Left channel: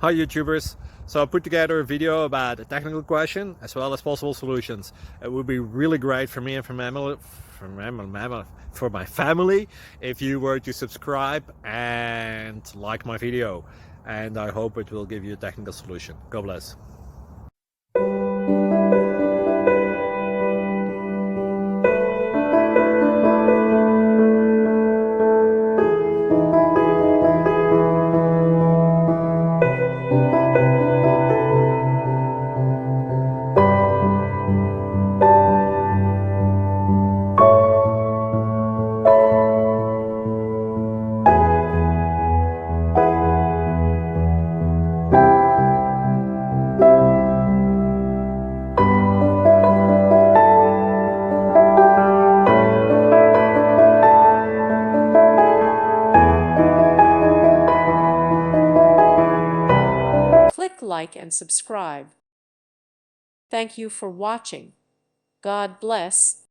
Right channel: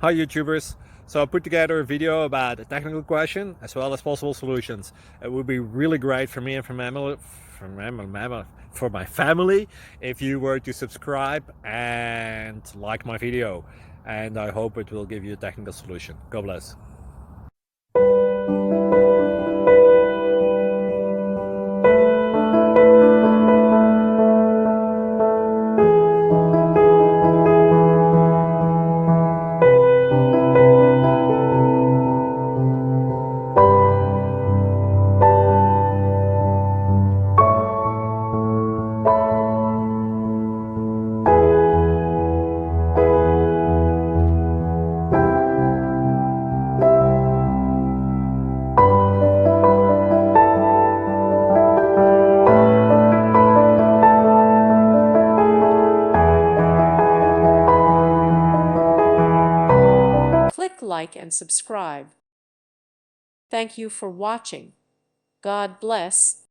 Hi YouTubers. So I put together a video about a technical question as well as possible solutions. It would be really great for me and for my family if you were to subscribe and like my video. And I hope it will give you a technical solution. God bless. Click like and subscribe. Thank you for watching. God bless.